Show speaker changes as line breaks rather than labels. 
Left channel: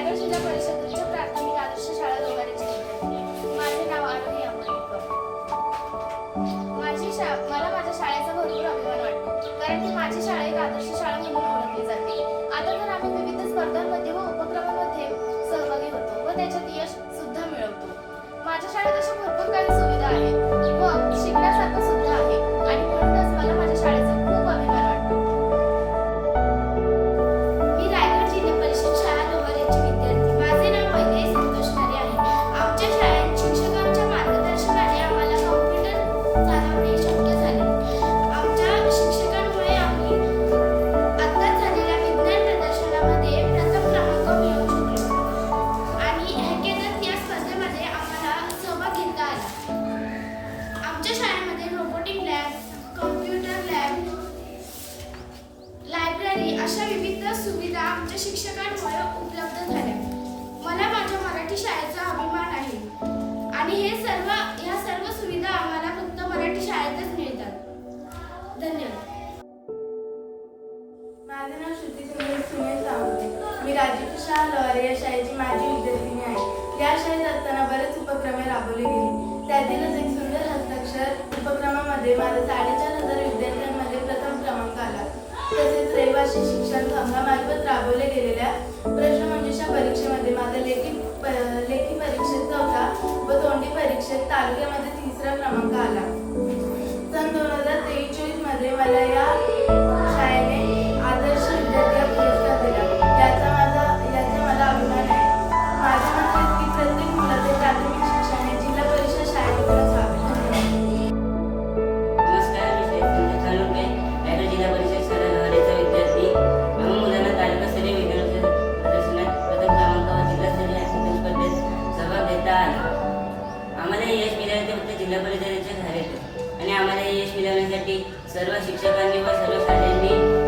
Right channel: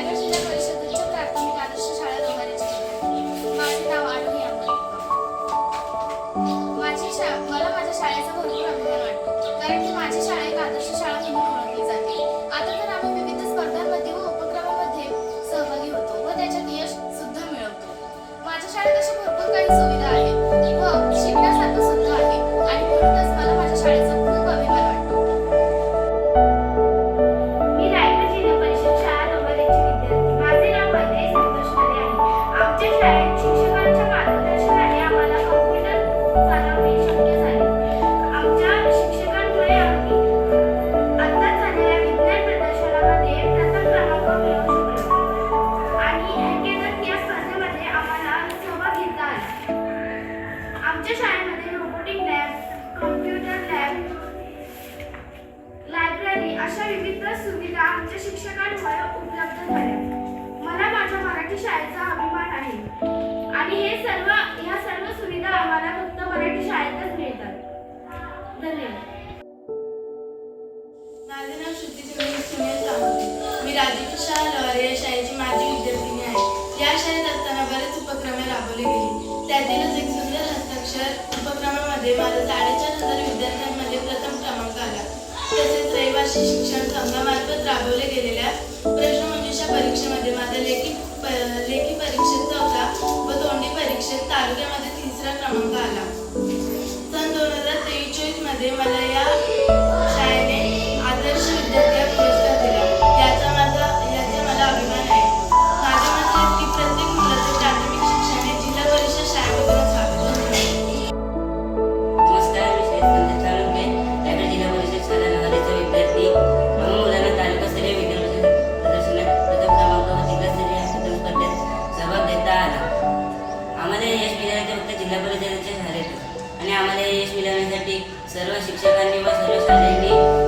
रायगड जिल्हा परिषद उच्च प्राथमिक आदर्श शाळा लोहारेची विद्यार्थी माझे नाव आरोही आंबोलीकर माझी शा मला माझ्या शाळेचा भरपूर अभिमान वाटतो. कारण की माझी शाळा एक आदर्श शाळा म्हणून आमच्या शाळेमध्ये robotic lab computer lab library अशा विविध सुविधा आमच्या शिक्षकांमुळे उपलब्ध झाल्या. मला माझ्या मराठी शाळेचा अभिमान आहे. आणि हे सर्व ह्या सर्व सुविधा आम्हाला फक्त मराठी शाळेतच मिळतात. धन्यवाद.
माझे नाव श्रुती सुनील सुनील सावंते. मी राजकीय शाळा या शाळेची माजी विद्यार्थिनी आहे. या शाळेत असताना बरेच उपक्रमे राबवले गेले. त्यातीलच एक अक्षर उपक्रमामध्ये माझा साडेचार हजार विद्यार्थ्यांमध्ये प्रथम क्रमांक आला. तसेच रहिवासी शिक्षण संघामार्फत राबवले गेलेल्या प्रश्नमंजुषा परीक्षेमध्ये माझा लेखी लेखी परीक्षेत चौथा व तोंडी परीक्षेत तालुक्यामध्ये तिसरा क्रमांक
सर्व शिक्षकांनी व सर्व शाळांनी